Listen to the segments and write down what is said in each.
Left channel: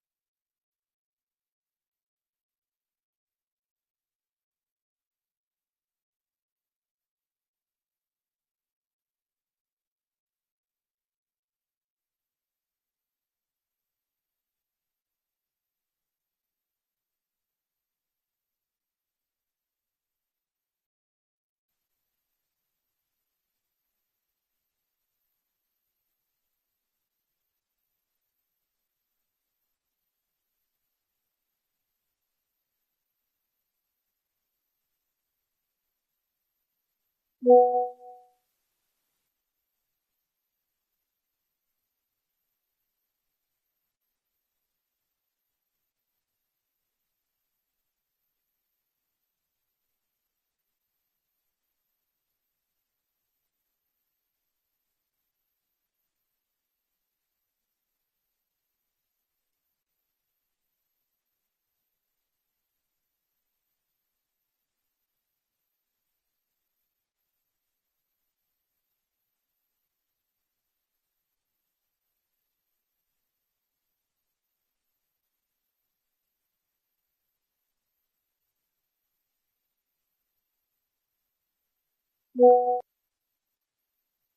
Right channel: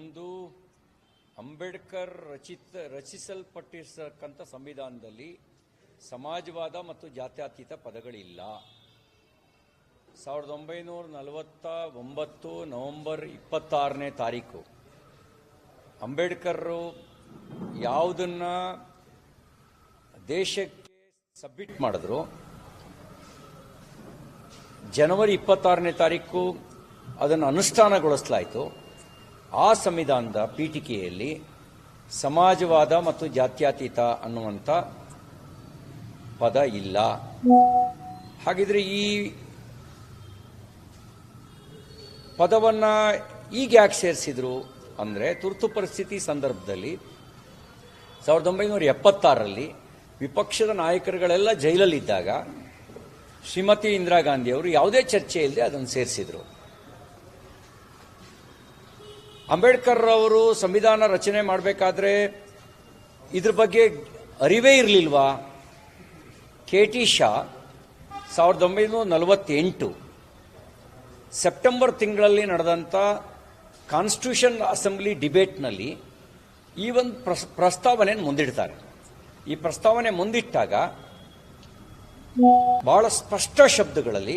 ಒಂದು ಅಂಬೇಡ್ಕರ್ ರಚಿತ ರಚಿಸಲ್ಪಟ್ಟಿರ್ತಕ್ಕಂಥ ಸಂವಿಧಾನದಲ್ಲಿ ಸಮಾಜವಾದ ಮತ್ತು ಜಾತ್ಯತೀತ ಪದಗಳಿಲ್ಲ. ಸಾವಿರದ ಒಂಬೈನೂರ ನಲವತ್ತ ಒಂಬತ್ತು ನವೆಂಬರ್ ಇಪ್ಪತ್ತಾರನೇ ತಾರೀಕು ಅಂಬೇಡ್ಕರ್ ಯಾವುದನ್ನ ದೇಶಕ್ಕೆ ಸಬ್ಮಿಟ್ ಮಾಡಿದ್ರು. ಜನವರಿ ಇಪ್ಪತ್ತಾರನೇ ತಾರೀಕು ಅದನ್ನು ಅನುಷ್ಠಾನಗೊಳಿಸಲಾಯಿತು. ಆ ಸಂವಿಧಾನದ ಪೀಠಿಕೆಯಲ್ಲಿ ಸಮಾಜವಾದ ಮತ್ತು ಜಾತ್ಯಾತೀತ ಅನ್ನುವಂಥ ಪದ ಇಲ್ಲ. ಹಾಗಿದ್ರೆ ಈ ಪದವನ್ನ ಈಗ ಯಾಕೆ ಸೇರಿಸಿದ್ರು ಅಂದರೆ ತುರ್ತು ಪರಿಸ್ಥಿತಿ ಸಂದರ್ಭದಲ್ಲಿ ಸಾವಿರದ ಒಂಬೈನೂರ ಎಪ್ಪತ್ತಾರರಲ್ಲಿ ವಿಪಕ್ಷದ ನಾಯಕರುಗಳೆಲ್ಲ ಜೈಲಲ್ಲಿದ್ದಾಗ ಶ್ರೀಮತಿ ಇಂದಿರಾ ಗಾಂಧಿ ಅವರು ಯಾವುದೇ ಚರ್ಚೆ ಅದನ್ನು ಸೇರಿಸಿದ್ರು. ಅಂಬೇಡ್ಕರ್ ಅವರು ಸಂವಿಧಾನ ರಚನೆ ಮಾಡಬೇಕಾದ್ರೆ ಇದ್ರ ಬಗ್ಗೆ ಅರಿವೇ ಇರಲಿಲ್ವಾ? ಕೆ ಟಿ ಶಾ, ಸಾವಿರದ ಒಂಬೈನೂರ ನಲವತ್ತೆಂಟು ಸೆಪ್ಟೆಂಬರ್ ತಿಂಗಳಲ್ಲಿ ನಡೆದಂಥ ಕಾನ್ಸ್ಟಿಟ್ಯೂಷನ್ ಅಸೆಂಬ್ಲಿ ಡಿಬೇಟ್ನಲ್ಲಿ ಈ ಒಂದು ಪ್ರಸ್, ಪ್ರಸ್ತಾವನೆಯನ್ನು ಮುಂದಿಡ್ತಾರೆ. ಈ ಪ್ರಸ್ತಾವನೆ ಮುಂದಿಟ್ಟಾಗ ಬಹಳ ಸ್ಪಷ್ಟ ಶಬ್ದಗಳಲ್ಲಿ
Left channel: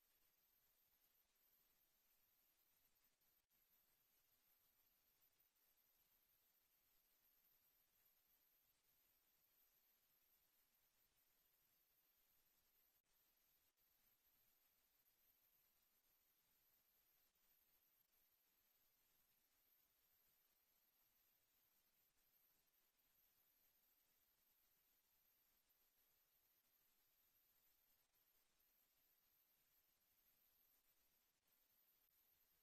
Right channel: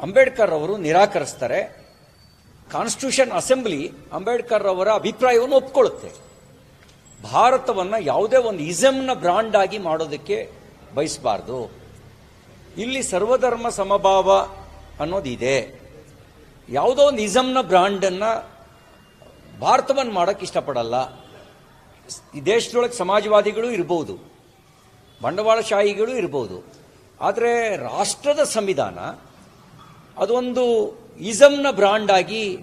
ಅಂಬೇಡ್ಕರ್ ಅವರು ನಿರಾಕರಿಸ್ತಾರೆ. ಕಾನ್ಸ್ಟಿಟ್ಯೂಷನ್ ಅಸೆಂಬ್ಲಿ ಅಂಬೇಡ್ಕರ್ ಅವರ ಅಭಿಪ್ರಾಯವನ್ನು ಒಪ್ಕೊಳ್ಳುತ್ತೆ. ಭಾರತವನ್ನು ಯಾವುದೇ ಒಂದು ಇಸಮ್ನ ಬ್ರಾಂಡ್ ಆಗಿ ಮಾಡೋದಕ್ಕೆ ಬಯಸಬಾರ್ದು. ಇಲ್ಲಿ ಸರ್ವಧರ್ಮ ಸಮಭಾವ ಅನ್ನೋದಿದೆ. ಯಾವುದೋ ಒಂದು ಇಸಮ್ನ ಬ್ರಾಂಡನ್ನು ಭಾರತವನ್ನು ಮಾಡೋಕ್ಕೆ ಇಷ್ಟಪಡಲ್ಲ. ಈ ದೇಶದೊಳಗೆ ಸಮಾಜವಾದಿಗಳು ಇರ್ಬೋದು, ಬಂಡವಾಳಶಾಹಿಗಳು ಇರ್ಬೋದು. ಆದರೆ ರಾಷ್ಟ್ರದ ಸಂವಿಧಾನ ಅದೊಂದು ಇಸಮ್ನ ಬ್ರಾಂಡ್ ಆಗಿ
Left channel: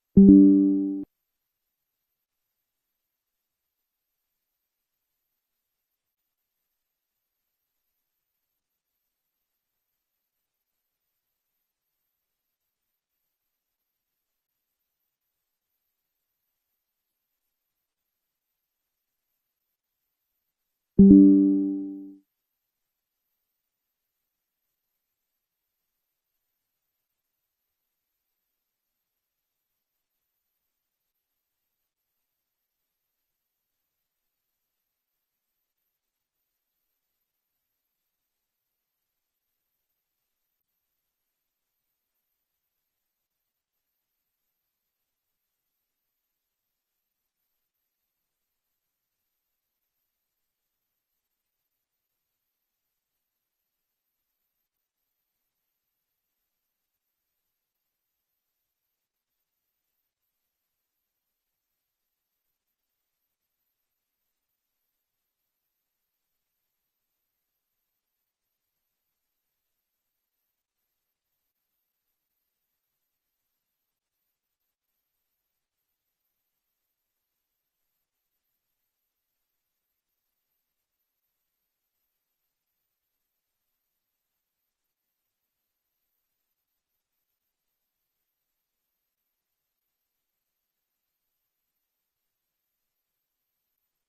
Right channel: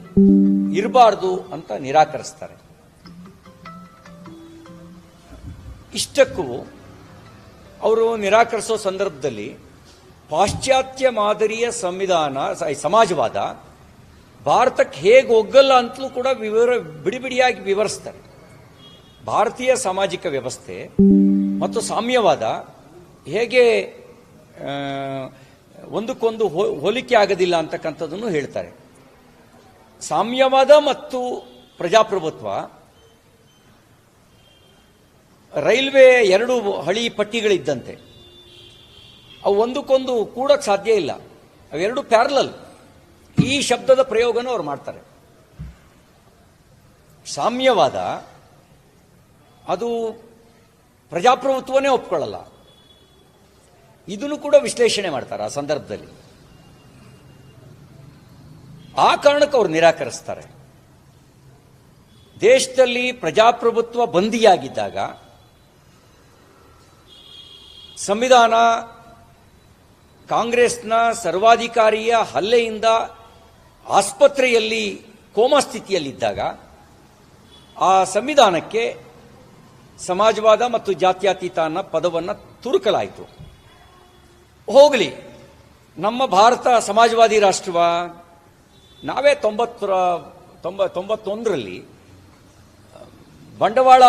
ಇರಬಾರ್ದು ಅಂತ ನಿರಾಕರಿಸ್ತಾರೆ. ಇಷ್ಟಕ್ಕೂ ಅವರು ನಿರಾಕರಿಸೋ ಸಂದರ್ಭದಲ್ಲಿ ಪಾಶ್ಚಾತ್ಯ ಮಾದರಿಯ ಸಂವಿಧಾನ ಸಮಾಜವಾದ ಭಾರತಕ್ಕೆ ಹೇಗೆ ಒಗ್ಗಲ್ಲ ಅಂತಲೂ ಕೂಡ ವಿವರ ಬಿಡಿ ಬಿಡಿಯಾಗಿ ವಿವರಿಸ್ತಾರೆ. ಭಾರತೀಯ ಸಾಮಾಜಿಕ ವ್ಯವಸ್ಥೆ ಮತ್ತು ಸಾಮ್ಯವಾದ ಹೇಗೆ ಒಂದಕ್ಕೊಂದು ಹೋಲಿಕೆ ಆಗೋದಿಲ್ಲ ಅಂತಕ್ಕಂಥದ್ದನ್ನು ಹೇಳ್ತಾರೆ. ಸಾಮ್ಯವಾದ ಮತ್ತು ಪ್ರಜಾಪ್ರಭುತ್ವ, ರೈಲ್ವೆ ಎರಡು ಹಳಿ ಪಟ್ಟಿಗಳಿದ್ದಂತೆ. ಅವು ಒಂದಕ್ಕೊಂದು ಕೂಡಕ್ಕೆ ಸಾಧ್ಯ ಇಲ್ಲ. ಅವೆರಡು ಪ್ಯಾರಲಲ್. ಈ ಶಬ್ದದ ಪ್ರಯೋಗನೂ ಅವ್ರು ಮಾಡ್ತಾರೆ. ಸಾಮ್ಯವಾದ, ಅದು ಪ್ರಜಾಪ್ರಭುತ್ವನೇ ಒಪ್ಕೊಳ್ಳಲ್ಲ. ಇದನ್ನು ಕೂಡ ವಿಶ್ಲೇಷಣೆ ಮಾಡ್ತಾರೆ ಆ ಸಂದರ್ಭದಲ್ಲಿ. ಆ ಕಾರಣಕ್ಕೆ ಅವರು ನಿರಾಕರಿಸ್ತಾರೆ. ದೇಶದಲ್ಲಿ ಪ್ರಜಾಪ್ರಭುತ್ವ ಬಂದಿಯಾಗಿದ್ದಾಗ ಸಂವಿಧಾನ ಕಾಂಗ್ರೆಸ್ನ ಸರ್ವಾಧಿಕಾರಿಯ ಹಲ್ಲೆಯಿಂದ ಆಸ್ಪತ್ರೆಯಲ್ಲಿ ಕೋಮಾ ಸ್ಥಿತಿಯಲ್ಲಿದ್ದಾಗ ಆ ಸಂವಿಧಾನಕ್ಕೆ ಸಮಾಜವಾದ ಮತ್ತು ಜಾತ್ಯಾತೀತ ಅನ್ನೋ ಪದವನ್ನು ತುರುಕಲಾಯಿತು. ಹೋಗಲಿ. ನಮ್ಮ ಭಾರತ ಸಮಾಜವಾದಿ ರಾಷ್ಟ್ರವ, ನಾವೇ ತೊಂಬತ್ತರ, ತೊಂಬ, ತೊಂಬತ್ತೊಂದರಲ್ಲಿ, ಬಂಡವಾಳ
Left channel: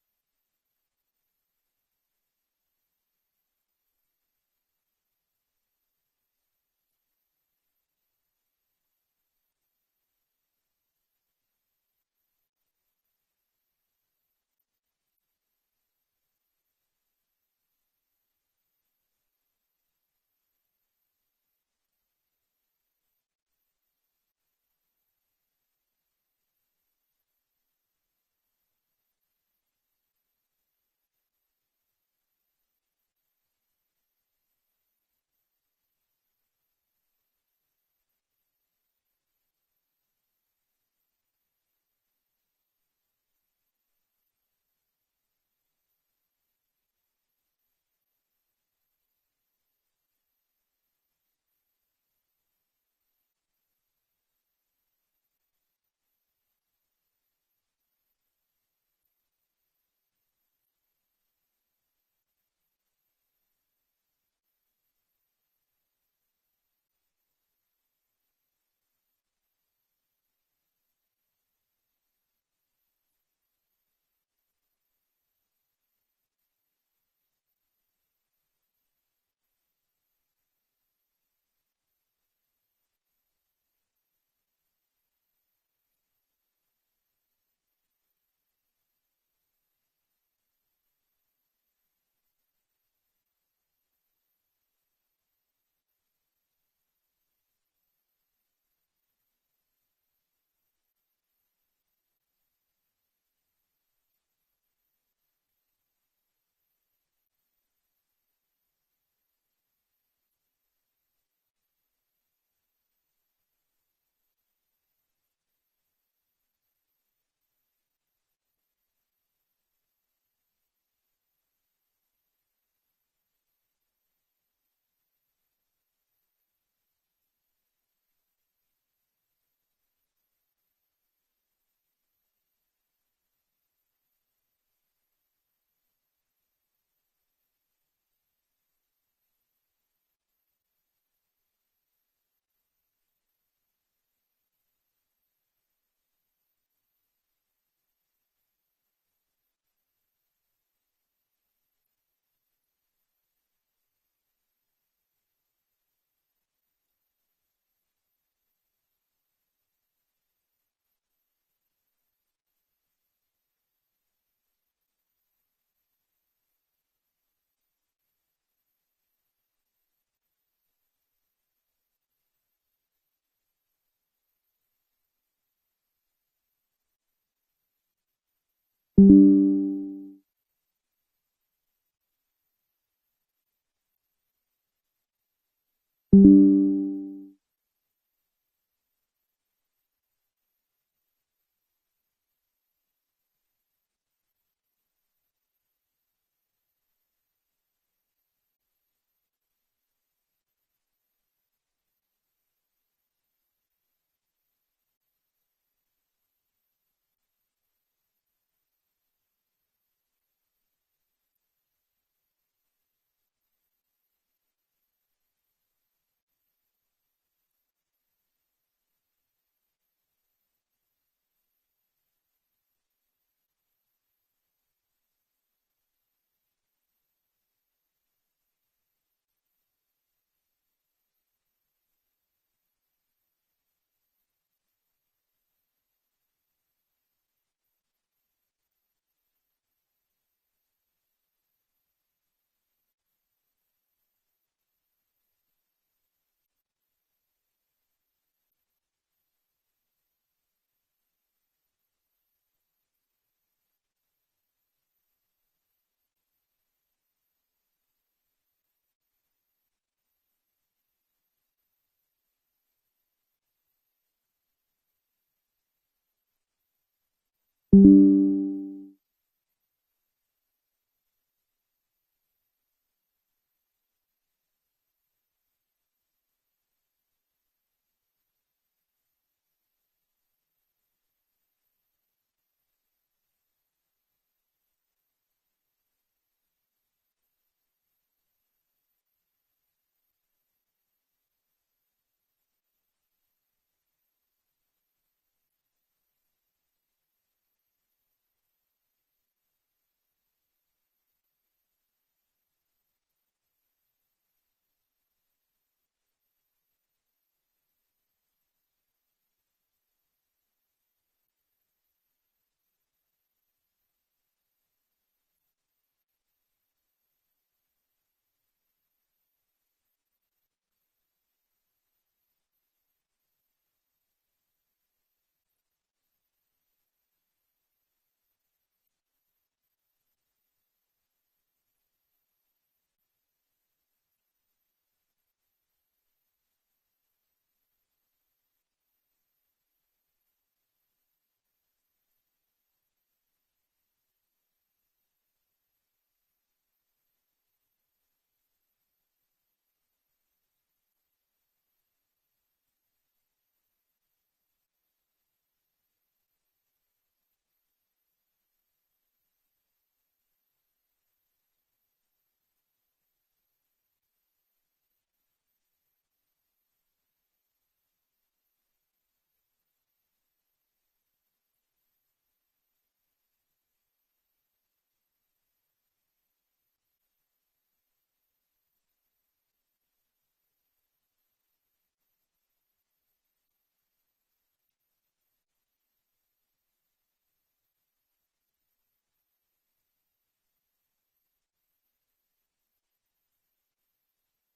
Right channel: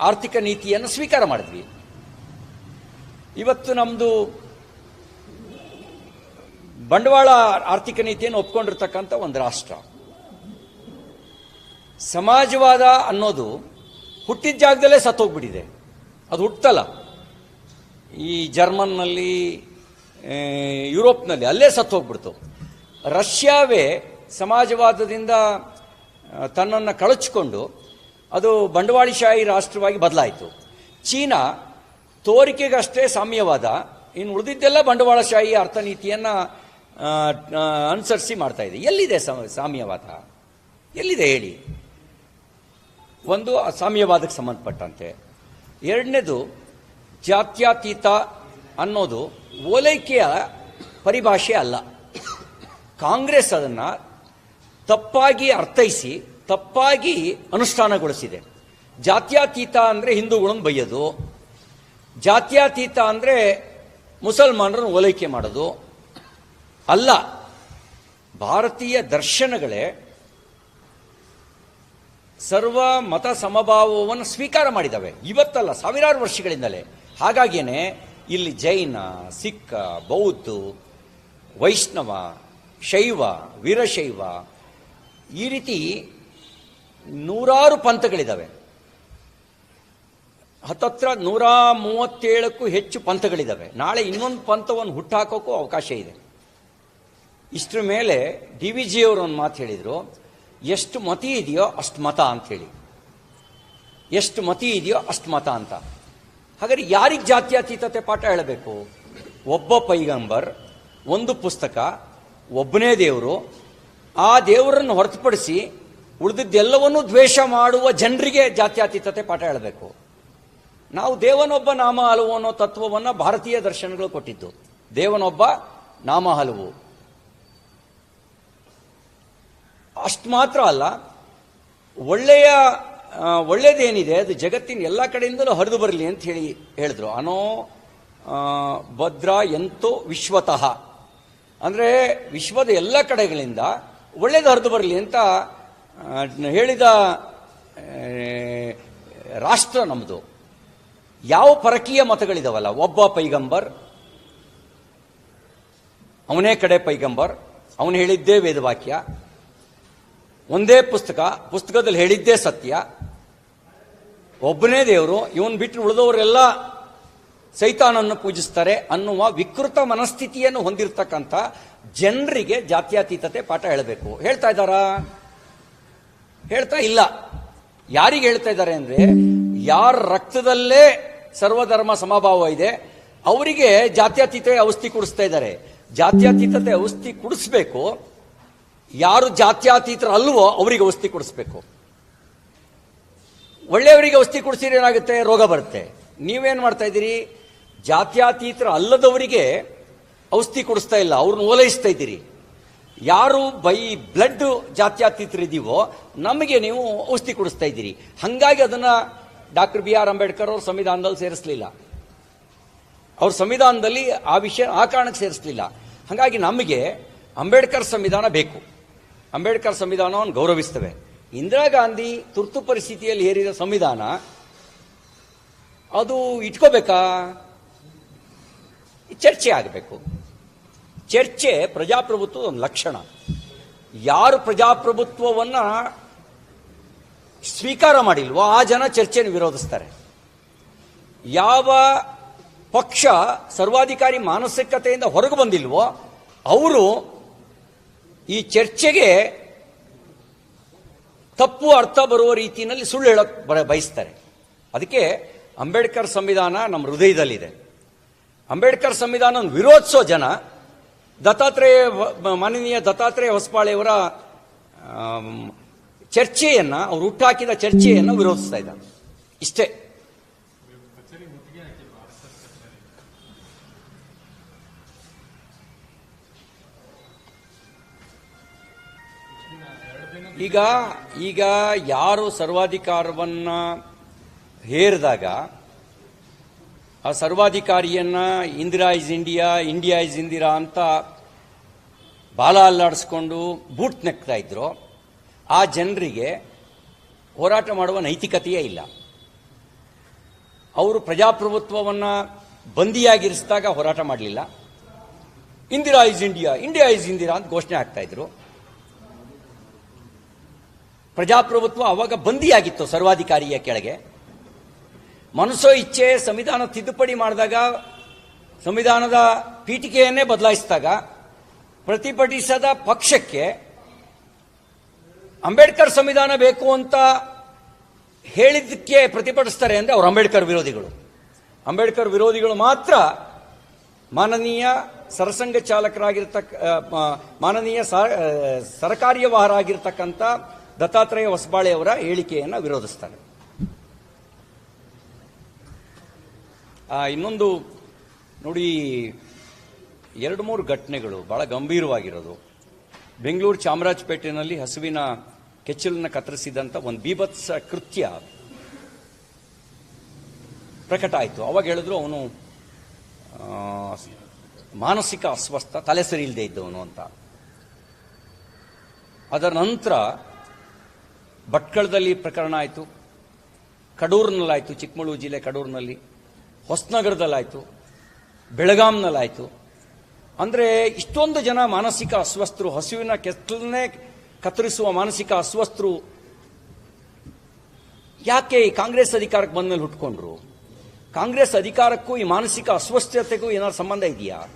ಆರ್ಥಿಕ ನೀತಿಯನ್ನು ಸ್ವೀಕಾರ ಮಾಡಿದ್ವಿ. ಇವತ್ತು ನಮ್ಮದು ಬಂಡವಾಳ ಆರ್ಥಿಕ ನೀತಿಯನ್ನು ಒಪ್ಕೊಂಡಿರ್ತಕ್ಕಂಥ ಒಂದು ರಾಷ್ಟ್ರ. ಸಮಾಜವಾದ ಅನ್ನೋದು ಹುಟ್ಟಿದ ಜಾಗದಲ್ಲೇ ಸತ್ತೋಗ್ಬಿಟ್ಟಿದೆ. ಅದು ಹುಟ್ಟಲ್ಲ. ಈ ಜರ್ಮನ್ನಲ್ಲಿ ಯುರೋಪ್ನಲ್ಲಿ ಅಲ್ಲೇ ಸತ್ತೋಗ್ಬಿಡ್ತು. ರಷ್ಯಾವೇ ಸಮಾಜವಾದದಿಂದ ತನ್ನನ್ನು ಕಳಚಿಕೊಂಡು ಅದು ಬಂಡವಾಳಶಾಹಿ ರಾಷ್ಟ್ರವಾಗಿ ಬದಲಾಯಿತು. ಚೀನಾ ತೋರಿಕೆಗಷ್ಟೇ ಸಾಮ್ಯವಾದ, ಇನ್ನು ಉಳಿದಿದ್ದೆಲ್ಲ ಬಂಡವಾಳಶಾಹಿ ಅರ್ಥನೀತಿಯನ್ನು ಅನುಸರಿಸಿ ಮಾಡ್ತಾ ಇದೆ. ಎಲ್ಲಿದೆ ಸಮ- ಸಾಮ್ಯವಾದ? ಎಲ್ಲಿದೆ ಹೇಳಿ? ಒಂದು ಸಾಮ್ಯವಾದಕ್ಕೆ ಸಂಬಂಧಪಟ್ಟಂತೆ. ಎರಡನೇದು ಜಾತ್ಯತೀತ ಅನ್ನೋದು ಓಲೈಕೆಯ ಪರಿಭಾಷೆ ಅಲ್ಲ. ಕಾಂಗ್ರೆಸ್ ಅದನ್ನು ತಪ್ಪಾಗಿ ಅರ್ಥೈಸಿ, ತಪ್ಪಾಗಿ ಅನುಷ್ಠಾನಗೊಳಿಸಿದೆ. ಜಾತ್ಯತೀತ ಅಂದರೆ ಹಿಂದೂಗಳನ್ನು ಬೈಯೋದು ಜಾತ್ಯತೀತ ಅಂದರೆ ಮುಸಲ್ಮಾನರನ್ನು ಓಲೈಕೆ ಮಾಡೋದು. ಅಲ್ಲ, ಭಾರತೀಯ ದರ್ಶನಗಳೇ ಸರ್ವ ಮತ ಸಮಭಾವವನ್ನು ಸ್ವೀಕಾರ ಮಾಡಿದ್ದಾವೆ ಇವತ್ತಲ್ಲ, ಸಾವಿರಾರು ವರ್ಷಗಳಿಂದಲೇ. ಹಾಗಾಗಿಯೇ ಇಲ್ಲಿ ಜೈನ, ಸಿಕ್ಕ, ಬೌದ್ಧ, ವೈಷ್ಣವ, ಶೈವ, ವೀರಶೈವ ಈ ರೀತಿ ನೂರಾರು ಪಂಥಗಳಿದ್ದಾವೆ. ಹತ್ತತ್ರ ನೂರ ಮೂವತ್ತೇಳಕ್ಕೂ ಹೆಚ್ಚು ಪಂಥಗಳಿದ್ದಾವೆ. ನಾಳೆ ಇನ್ನೊಂದು ಪಂಥವನ್ನು ಹುಟ್ಟಾಕೋಕ್ಕೂ ಅವಕಾಶ ಇದೆ. ಇಷ್ಟರ ಮೇಲೆ ಡಿ ವಿ ಜಿ ಅವರು ಒಂದು ಮಾತು ಹೇಳಿದರು, ಎಷ್ಟು ಮತಿ ಇದೆಯೋ ಅಷ್ಟು ಮತ ಅಂತ ಹೇಳಿ. ಎಷ್ಟು ಮತಿ ಇದೆಯೋ ಅಷ್ಟು ಮತ ಅಂತ. ಹಾಗಾದ್ರೆ ಯಾರಿಗೆ ಜಾತ್ಯತೀತತೆ ಪಾಠ ಹೇಳಬೇಕು? ಒಬ್ಬ ಪೈಗಂಬರ್, ಒಂದು ಪುಸ್ತಕ, ಒಬ್ಬನೇ ದೇವರು. ಆ ದೇವರನ್ನು ಹೊರತುಪಡಿಸಿ ಉಳಿದಿದ್ದೆಲ್ಲವನ್ನೂ ದ್ವೇಷ ಮಾಡುವ ಜನರಿಗೆ ಜಾತ್ಯತೀತತೆ ಪಾಠ ಹೇಳಬೇಕು. ನಾವು ದೇವನೊಬ್ಬ ನಾಮ ಹಲವು ಅನ್ನೋ ತತ್ವವನ್ನು ಭಾರತೀಯ ದರ್ಶನಗಳು ಕೊಟ್ಟಿದ್ದು. ದೇವನೊಬ್ಬ ನಾಮ ಹಲವು. ಅಷ್ಟು ಮಾತ್ರ ಅಲ್ಲ, ಒಳ್ಳೆಯ ಆ, ಒಳ್ಳೆಯದೇನಿದೆ ಅದು ಜಗತ್ತಿನ ಎಲ್ಲ ಕಡೆಯಿಂದಲೂ ಹರಿದು ಬರಲಿ ಅಂತ ಹೇಳಿ ಹೇಳಿದ್ರು. ಅನೋ ಭದ್ರ ಎಂತೋ ವಿಶ್ವತಃ. ಅಂದರೆ ವಿಶ್ವದ ಎಲ್ಲ ಕಡೆಗಳಿಂದ ಒಳ್ಳೇದು ಹರಿದು ಬರಲಿ ಅಂತ ಹೇಳಿದ ರಾಷ್ಟ್ರ ನಮ್ಮದು ಯಾವ ಪರಕೀಯ ಮತಗಳಿದಾವಲ್ಲ ಒಬ್ಬ ಪೈಗಂಬರ್ ಅವನೇ ಕಡೆ ಪೈಗಂಬರ್ ಅವನು ಹೇಳಿದ್ದೇ ವೇದವಾಕ್ಯ. ಒಂದೇ ಪುಸ್ತಕ ಪುಸ್ತಕದಲ್ಲಿ ಹೇಳಿದ್ದೇ ಸತ್ಯ. ಒಬ್ಬನೇ ದೇವರು, ಇವನ್ ಬಿಟ್ಟು ಉಳಿದವರೆಲ್ಲ ಸೈತಾನನ್ನು ಪೂಜಿಸ್ತಾರೆ ಅನ್ನುವ ವಿಕೃತ ಮನಸ್ಥಿತಿಯನ್ನು ಹೊಂದಿರತಕ್ಕಂಥ ಜನರಿಗೆ ಜಾತ್ಯಾತೀತತೆ ಪಾಠ ಹೇಳಬೇಕು. ಹೇಳ್ತಾ ಇದ್ದಾರಾ? ಹೇಳ್ತಾ ಇಲ್ಲ. ಯಾರಿಗೆ ಹೇಳ್ತಾ ಇದ್ದಾರೆ ಅಂದ್ರೆ, ಯಾರ ರಕ್ತದಲ್ಲೇ ಸರ್ವಧರ್ಮ ಸಮಭಾವ ಇದೆ, ಅವರಿಗೆ ಜಾತ್ಯಾತೀತ ಔಷಧಿ ಕುಡಿಸ್ತಾ ಇದ್ದಾರೆ. ಜಾತ್ಯಾತೀತತೆ ಔಷಧಿ ಕುಡಿಸ್ಬೇಕು. ಯಾರು ಜಾತ್ಯಾತೀತರ ಅಲ್ವೋ ಅವರಿಗೆ ಔಷಧಿ ಕೊಡಿಸ್ಬೇಕು. ಒಳ್ಳೆಯವರಿಗೆ ಔಷಧಿ ಕೊಡಿಸಿದ್ರೆ ಏನಾಗುತ್ತೆ? ರೋಗ ಬರುತ್ತೆ. ನೀವೇನು ಮಾಡ್ತಾ ಇದ್ದೀರಿ? ಜಾತ್ಯಾತೀತರ ಅಲ್ಲದವರಿಗೆ ಔಷಧಿ ಕೊಡಿಸ್ತಾ ಇಲ್ಲ. ಅವ್ರನ್ನ ಓಲೈಸ್ತಾ ಇದ್ದೀರಿ. ಯಾರು ಬೈ ಬ್ಲಡ್ ಜಾತ್ಯಾತೀತರಿದ್ದೀವೋ, ನಮಗೆ ನೀವು ಔಷಧಿ ಕೊಡಿಸ್ತಾ ಇದ್ದೀರಿ. ಹಂಗಾಗಿ ಅದನ್ನು ಡಾಕ್ಟರ್ ಬಿ ಆರ್ ಅಂಬೇಡ್ಕರ್ ಅವರು ಸಂವಿಧಾನದಲ್ಲಿ ಸೇರಿಸಲಿಲ್ಲ. ಅವ್ರ ಸಂವಿಧಾನದಲ್ಲಿ ಆ ವಿಷಯ, ಆ ಕಾರಣಕ್ಕೆ ಸೇರಿಸಲಿಲ್ಲ. ಹಾಗಾಗಿ ನಮಗೆ ಅಂಬೇಡ್ಕರ್ ಸಂವಿಧಾನ ಬೇಕು. ಅಂಬೇಡ್ಕರ್ ಸಂವಿಧಾನವನ್ನು ಗೌರವಿಸ್ತೇವೆ. ಇಂದಿರಾ ಗಾಂಧಿ ತುರ್ತು ಪರಿಸ್ಥಿತಿಯಲ್ಲಿ ಹೇರಿದ ಸಂವಿಧಾನ, ಅದು ಇಟ್ಕೋಬೇಕಾ? ಚರ್ಚೆ ಆಗಬೇಕು. ಚರ್ಚೆ ಪ್ರಜಾಪ್ರಭುತ್ವದ ಒಂದು ಲಕ್ಷಣ. ಯಾರು ಪ್ರಜಾಪ್ರಭುತ್ವವನ್ನು ಸ್ವೀಕಾರ ಮಾಡಿಲ್ವೋ, ಆ ಜನ ಚರ್ಚೆಯನ್ನು ವಿರೋಧಿಸ್ತಾರೆ. ಯಾವ ಪಕ್ಷ ಸರ್ವಾಧಿಕಾರಿ ಮಾನಸಿಕತೆಯಿಂದ ಹೊರಗೆ ಬಂದಿಲ್ವೋ, ಅವರು ಈ ಚರ್ಚೆಗೆ ತಪ್ಪು ಅರ್ಥ ಬರುವ ರೀತಿಯಲ್ಲಿ ಸುಳ್ಳು ಹೇಳಕ್ ಬಯಸ್ತಾರೆ. ಅದಕ್ಕೆ ಅಂಬೇಡ್ಕರ್ ಸಂವಿಧಾನ ನಮ್ಮ ಹೃದಯದಲ್ಲಿದೆ. ಅಂಬೇಡ್ಕರ್ ಸಂವಿಧಾನ ವಿರೋಧಿಸೋ ಜನ, ದತ್ತಾತ್ರೇಯ ಮಾನನೀಯ ದತ್ತಾತ್ರೇಯ ಹೊಸಪಾಳೆಯವರ ಚರ್ಚೆಯನ್ನ, ಅವ್ರು ಹುಟ್ಟಾಕಿದ ಚರ್ಚೆಯನ್ನು ವಿರೋಧಿಸ್ತಾ ಇದ್ದಾರೆ. ಇಷ್ಟೇ. ಈಗ ಈಗ ಯಾರು ಸರ್ವಾಧಿಕಾರವನ್ನ ಹೇರಿದಾಗ, ಆ ಸರ್ವಾಧಿಕಾರಿಯನ್ನ Indira is India India is Indira ಅಂತ ಬಾಲ ಅಲ್ಲಾಡಿಸ್ಕೊಂಡು ಬೂಟ್ ನೆಕ್ತಾ ಇದ್ರು. ಆ ಜನರಿಗೆ ಹೋರಾಟ ಮಾಡುವ ನೈತಿಕತೆಯೇ ಇಲ್ಲ. ಅವರು ಪ್ರಜಾಪ್ರಭುತ್ವವನ್ನು ಬಂದಿಯಾಗಿರಿಸಿದಾಗ ಹೋರಾಟ ಮಾಡಲಿಲ್ಲ. Indira is India India is Indira ಅಂತ ಘೋಷಣೆ ಆಗ್ತಾ ಇದ್ರು. ಪ್ರಜಾಪ್ರಭುತ್ವ ಅವಾಗ ಬಂದಿಯಾಗಿತ್ತು ಸರ್ವಾಧಿಕಾರಿಯ ಕೆಳಗೆ. ಮನಸ್ಸೋ ಇಚ್ಛೆ ಸಂವಿಧಾನ ತಿದ್ದುಪಡಿ ಮಾಡಿದಾಗ ಸಂವಿಧಾನದ ಪೀಠಿಕೆಯನ್ನೇ ಬದಲಾಯಿಸಿದಾಗ ಪ್ರತಿಭಟಿಸದ ಪಕ್ಷಕ್ಕೆ ಅಂಬೇಡ್ಕರ್ ಸಂವಿಧಾನ ಬೇಕು ಅಂತ ಹೇಳಿದ್ದಕ್ಕೆ ಪ್ರತಿಭಟಿಸ್ತಾರೆ ಅಂದರೆ ಅವರು ಅಂಬೇಡ್ಕರ್ ವಿರೋಧಿಗಳು. ಅಂಬೇಡ್ಕರ್ ವಿರೋಧಿಗಳು ಮಾತ್ರ ಮಾನನೀಯ ಸರಸಂಘ ಚಾಲಕರಾಗಿರ್ತಕ್ಕ ಮಾನನೀಯ ಸರಕಾರಿ ಆ, ಸರಕಾರ್ಯವಾಹರಾಗಿರ್ತಕ್ಕಂಥ ದತ್ತಾತ್ರೇಯ ಹೊಸಬಾಳೆಯವರ ಹೇಳಿಕೆಯನ್ನು ವಿರೋಧಿಸ್ತಾರೆ. ಇನ್ನೊಂದು ನೋಡಿ, ಎರಡು ಮೂರು ಘಟನೆಗಳು ಬಹಳ ಗಂಭೀರವಾಗಿರೋದು. ಬೆಂಗಳೂರು ಚಾಮರಾಜಪೇಟೆಯಲ್ಲಿ ಹಸುವಿನ ಕೆಚ್ಚಲನ್ನು ಕತ್ತರಿಸಿದಂಥ ಒಂದು ಬೀಭತ್ಸ ಕೃತ್ಯ ಪ್ರಕಟ ಆಯಿತು. ಅವಾಗ ಹೇಳಿದ್ರು ಅವನು ಮಾನಸಿಕ ಅಸ್ವಸ್ಥ, ತಲೆ ಸರಿ ಇಲ್ಲದೆ ಇದ್ದವನು ಅಂತ. ಅದರ ನಂತರ ಭಟ್ಕಳದಲ್ಲಿ ಪ್ರಕರಣ ಆಯಿತು. ಕಡೂರಿನಲ್ಲಾಯಿತು, ಚಿಕ್ಕಮಗಳೂರು ಜಿಲ್ಲೆ ಕಡೂರಿನಲ್ಲಿ. ಹೊಸನಗರದಲ್ಲಾಯಿತು. ಬೆಳಗಾಂನಲ್ಲಾಯಿತು. ಅಂದರೆ ಇಷ್ಟೊಂದು ಜನ ಮಾನಸಿಕ ಅಸ್ವಸ್ಥರು, ಹಸುವಿನ ಕೆತ್ತಲನ್ನೇ ಕತ್ತರಿಸುವ ಮಾನಸಿಕ ಅಸ್ವಸ್ಥರು. ಯಾಕೆ ಈ ಕಾಂಗ್ರೆಸ್ ಅಧಿಕಾರಕ್ಕೆ ಬಂದ ಮೇಲೆ ಹುಟ್ಕೊಂಡ್ರು? ಕಾಂಗ್ರೆಸ್ ಅಧಿಕಾರಕ್ಕೂ ಈ ಮಾನಸಿಕ ಅಸ್ವಸ್ಥತೆಗೂ ಏನಾದ್ರು ಸಂಬಂಧ ಇದೆಯಾ?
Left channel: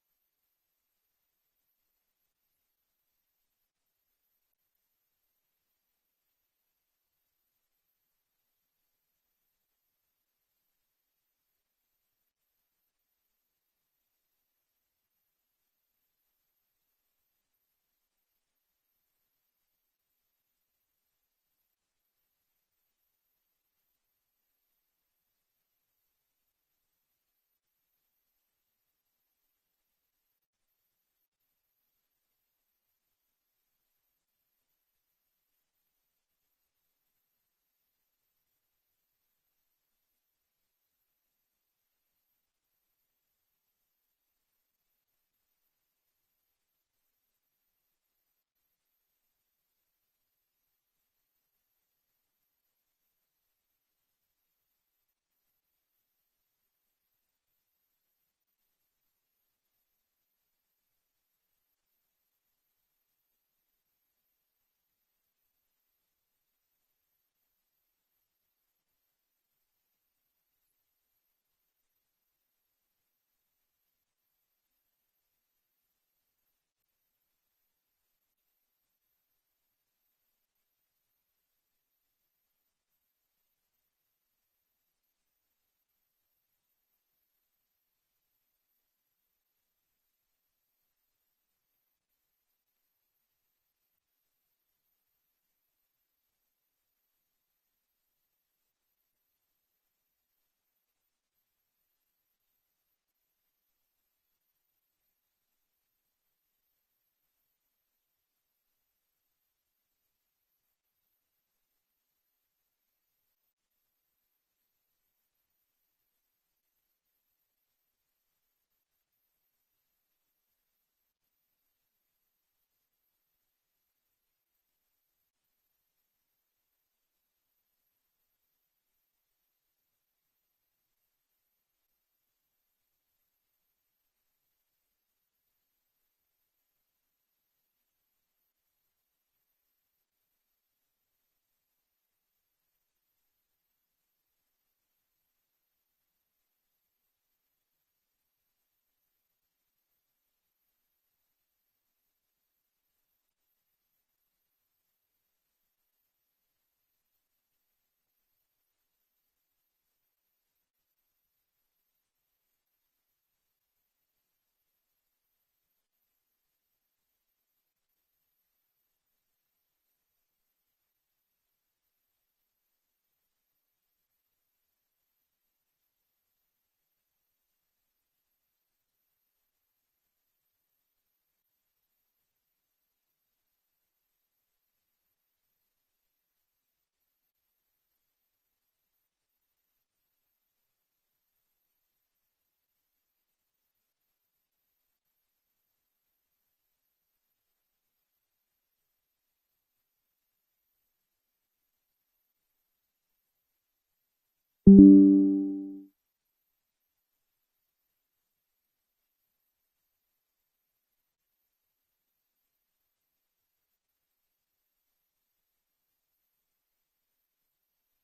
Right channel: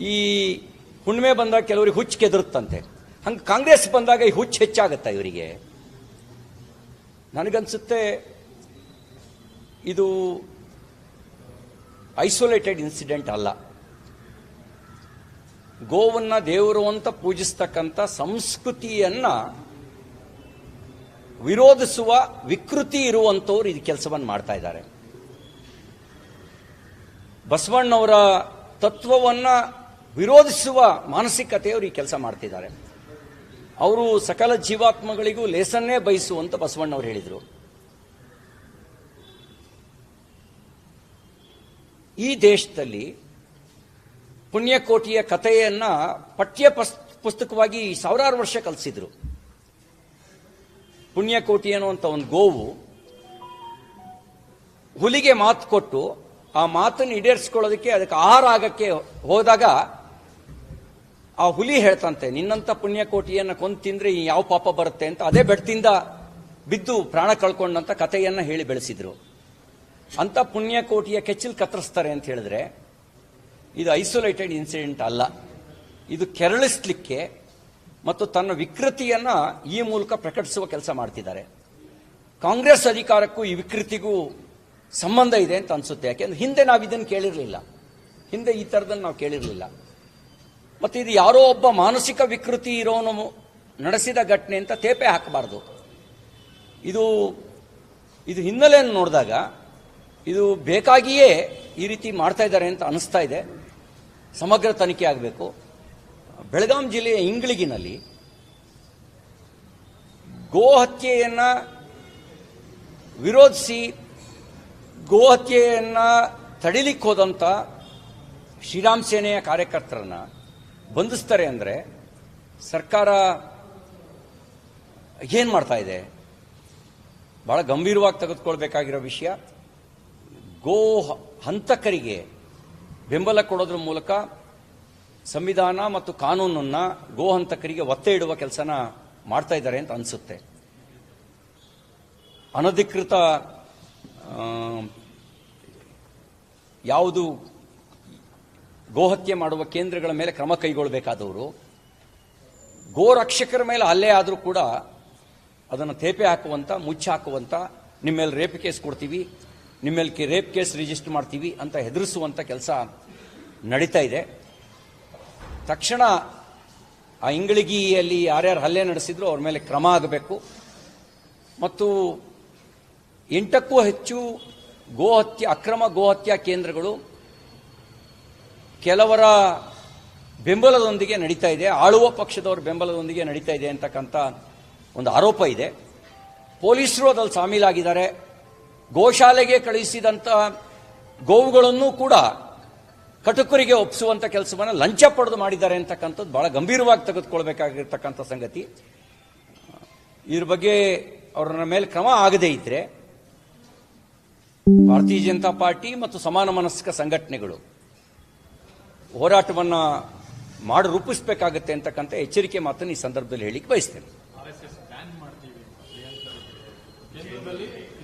ಈ ಹುಣ್ಣಿಮೆ ಬಂದಾಗ ಕೆಲವರಿಗೆ ಹುಚ್ಚು ಕೆದರುತ್ತಂತೆ. ಹಂಗೆ ಕಾಂಗ್ರೆಸ್ ಬಂದಾಗ ಈ ಹುಚ್ಚು ಹೆಚ್ಚಾಗತ್ತಾ ಇವರಿಗೆ? ನನಗನ್ಸುತ್ತೆ ಇದು ಐಸೋಲೇಟೆಡ್ ಇನ್ಸಿಡೆಂಟ್ ಅಲ್ಲ. ಗೋವನ್ನ ದೇವರು ಅಂತ ಪೂಜಿಸ್ತಕ್ಕಂಥ ಸಂಸ್ಕೃತಿಯನ್ನ ವಿರೋಧಿಸುವ ವಿಕೃತಿ ಇರುವಂಥವ್ರು ಇದು ಕೆಲಸವನ್ನು ಮಾಡ್ತಾ ಇದ್ದಾರೆ. ಬಸವಣ್ಣವರ ತತ್ವವನ್ನು ವಿರೋಧಿಸುವ ಮಾನಸಿಕತೆಯವರು ಈ ಕೆಲಸ ಮಾಡ್ತಿದ್ದಾರೆ. ಅವರು ಸಕಲ ಜೀವಾತ್ಮಗಳಿಗೂ ಲೇಸನ್ನೇ ಬಯಸುವಂತ ಬಸವಣ್ಣವರು ಹೇಳಿದರು. ಈ ದೇಶದಲ್ಲಿ ಪುಣ್ಯಕೋಟಿಯ ಕಥೆಯನ್ನ ಪಠ್ಯ ಪುಸ್- ಪುಸ್ತಕವಾಗಿ ಸಾವಿರಾರು ವರ್ಷ ಕಲಿಸಿದ್ರು. ಪುಣ್ಯಕೋಟಿ ಅನ್ನುವಂಥ ಒಂದು ಗೋವು ಹುಲಿಗೆ ಮಾತು ಕೊಟ್ಟು ಆ ಮಾತನ್ನು ಈಡೇರಿಸ್ಕೊಳ್ಳೋದಕ್ಕೆ ಅದಕ್ಕೆ ಆಹಾರ ಆಗಕ್ಕೆ ಹೋದಾಗ ಆ ಹುಲಿ ಹೇಳ್ತಂತೆ, ನಿನ್ನಂತ ಪುಣ್ಯಕೋಟಿಯನ್ನು ಕೊಂದು ತಿಂದ್ರೆ ಯಾವ ಪಾಪ ಬರುತ್ತೆ ಅಂತ ಅದೇ ಬೆಟ್ಟದಿಂದ ಬಿದ್ದು ಪ್ರಾಣ ಕಳ್ಕೊಂಡಂತ ಕಥೆಯನ್ನ ಹೇಳಿ ಬೆಳೆಸಿದ್ರು. ಅಂತ ಪುಣ್ಯಕೋಟಿಯ ಕೆಚ್ಚಲ್ ಕತ್ತರಿಸ್ತಾರೆ ಅಂತ ಹೇಳಿದ್ರೆ, ಇದು ಐಸೋಲೇಟೆಡ್ ಇನ್ಸಿಡೆಂಟ್ ಅಲ್ಲ. ಇದು ಕೆರಳಿಸ್ಲಿಕ್ಕೆ ಮತ್ತು ತನ್ನ ವಿಕೃತಿಯನ್ನ ಈ ಮೂಲಕ ಪ್ರಕಟಿಸುವ ಕೆಲಸ ಮಾಡ್ತಿದ್ದಾರೆ. ಕಾಂಗ್ರೆಸ್ ಅಧಿಕಾರಕ್ಕೂ ಈ ವಿಕೃತಿಗೂ ಸಂಬಂಧ ಇದೆ ಅಂತ ಅನ್ಸುತ್ತೆ. ಯಾಕೆಂದ್ರೆ ಹಿಂದೆ ನಾವು ಇದನ್ನು ಕೇಳಿರಲಿಲ್ಲ. ಹಿಂದೆ ಈ ಥರದನ್ನು ನಾವು ಕೇಳಿರಲಿಲ್ಲ. ಮತ್ತು ಇದು ಯಾರೋ ಒಬ್ಬ ಮಾನಸಿಕ ವಿಕೃತಿ ಇರೋನು ನಡೆಸಿದ ಘಟನೆ ಅಂತ ತೇಪೆ ಹಾಕಬಾರ್ದು. ಇದು ಇದು ಹಿನ್ನೆಲೆಯನ್ನು ನೋಡಿದಾಗ ಇದು ಬೇಕಾಗಿಯೇ ಈ ರೀತಿ ಮಾಡ್ತಾ ಇದ್ದಾರೆ ಅಂತ ಅನಿಸ್ತಾ ಇದೆ. ಸಮಗ್ರ ತನಿಖೆ ಆಗಬೇಕು. ಬೆಳಗಾಂ ಜಿಲ್ಲೆಯ ಇಂಗಳಿಗಿನಲ್ಲಿ ಗೋ ಹತ್ಯೆಯನ್ನು ವಿರೋಧಿಸಿ, ಗೋ ಹತ್ಯೆಯನ್ನು ತಡಿಲಿಕ್ಕೆ ಹೋದಂಥ ಶ್ರೀರಾಮ್ ಸೇನೆಯ ಕಾರ್ಯಕರ್ತರನ್ನ ಬಂಧಿಸ್ತಾರೆ ಅಂದರೆ ಸರ್ಕಾರ ಏನು ಮಾಡ್ತಾ ಇದೆ? ಬಹಳ ಗಂಭೀರವಾಗಿ ತೆಗೆದುಕೊಳ್ಬೇಕಾಗಿರೋ ವಿಷಯ. ಗೋ ಹಂತಕರಿಗೆ ಬೆಂಬಲ ಕೊಡೋದ್ರ ಮೂಲಕ ಸಂವಿಧಾನ ಮತ್ತು ಕಾನೂನನ್ನು ಗೋ ಹಂತಕರಿಗೆ ಒತ್ತೆ ಇಡುವ ಕೆಲಸನ ಮಾಡ್ತಾ ಇದ್ದಾರೆ ಅಂತ ಅನಿಸುತ್ತೆ. ಅನಧಿಕೃತ ಯಾವುದು ಗೋಹತ್ಯೆ ಮಾಡುವ ಕೇಂದ್ರಗಳ ಮೇಲೆ ಕ್ರಮ ಕೈಗೊಳ್ಳಬೇಕಾದವರು ಗೋ ರಕ್ಷಕರ ಮೇಲೆ ಅಲ್ಲೇ ಆದರೂ ಕೂಡ ಅದನ್ನು ತೇಪೆ ಹಾಕುವಂಥ ಮುಚ್ಚಿ ಹಾಕುವಂಥ ನಿಮ್ಮ ಮೇಲೆ ರೇಪ್ ಕೇಸ್ ಕೊಡ್ತೀವಿ, ನಿಮ್ಮ ಮೇಲೆ ರೇಪ್ ಕೇಸ್ ರಿಜಿಸ್ಟರ್ ಮಾಡ್ತೀವಿ ಅಂತ ಹೆದರಿಸುವಂಥ ಕೆಲಸ ನಡೀತಾ ಇದೆ. ತಕ್ಷಣ ಆ ಇಂಗಳಿಗಿಯಲ್ಲಿ ಯಾರ್ಯಾರು ಹಲ್ಲೆ ನಡೆಸಿದ್ರು ಅವ್ರ ಮೇಲೆ ಕ್ರಮ ಆಗಬೇಕು. ಮತ್ತು ಎಂಟಕ್ಕೂ ಹೆಚ್ಚು ಗೋಹತ್ಯೆ, ಅಕ್ರಮ ಗೋಹತ್ಯಾ ಕೇಂದ್ರಗಳು ಕೆಲವರ ಬೆಂಬಲದೊಂದಿಗೆ ನಡೀತಾ ಇದೆ, ಆಳುವ ಪಕ್ಷದವರ ಬೆಂಬಲದೊಂದಿಗೆ ನಡೀತಾ ಇದೆ ಅಂತಕ್ಕಂಥ ಒಂದು ಆರೋಪ ಇದೆ. ಪೊಲೀಸರು ಅದಲ್ಲಿ ಸಾಮೀಲಾಗಿದ್ದಾರೆ. ಗೋಶಾಲೆಗೆ ಕಳುಹಿಸಿದಂಥ ಗೋವುಗಳನ್ನು ಕೂಡ ಕಟುಕರಿಗೆ ಒಪ್ಪಿಸುವಂಥ ಕೆಲಸವನ್ನು ಲಂಚ ಪಡೆದು ಮಾಡಿದ್ದಾರೆ ಅಂತಕ್ಕಂಥದ್ದು ಬಹಳ ಗಂಭೀರವಾಗಿ ತೆಗೆದುಕೊಳ್ಬೇಕಾಗಿರ್ತಕ್ಕಂಥ ಸಂಗತಿ. ಇದ್ರ ಬಗ್ಗೆ ಅವರ ಮೇಲೆ ಕ್ರಮ ಆಗದೇ ಇದ್ರೆ ಭಾರತೀಯ ಜನತಾ ಪಾರ್ಟಿ ಮತ್ತು ಸಮಾನ ಮನಸ್ಕ ಸಂಘಟನೆಗಳು ಹೋರಾಟವನ್ನ ಮಾಡಿ, ರೂಪಿಸಬೇಕಾಗತ್ತೆ ಅಂತಕ್ಕಂಥ ಎಚ್ಚರಿಕೆ ಮಾತನ್ನು ಈ ಸಂದರ್ಭದಲ್ಲಿ ಹೇಳಿಕ್ಕೆ ಬಯಸ್ತೇನೆ.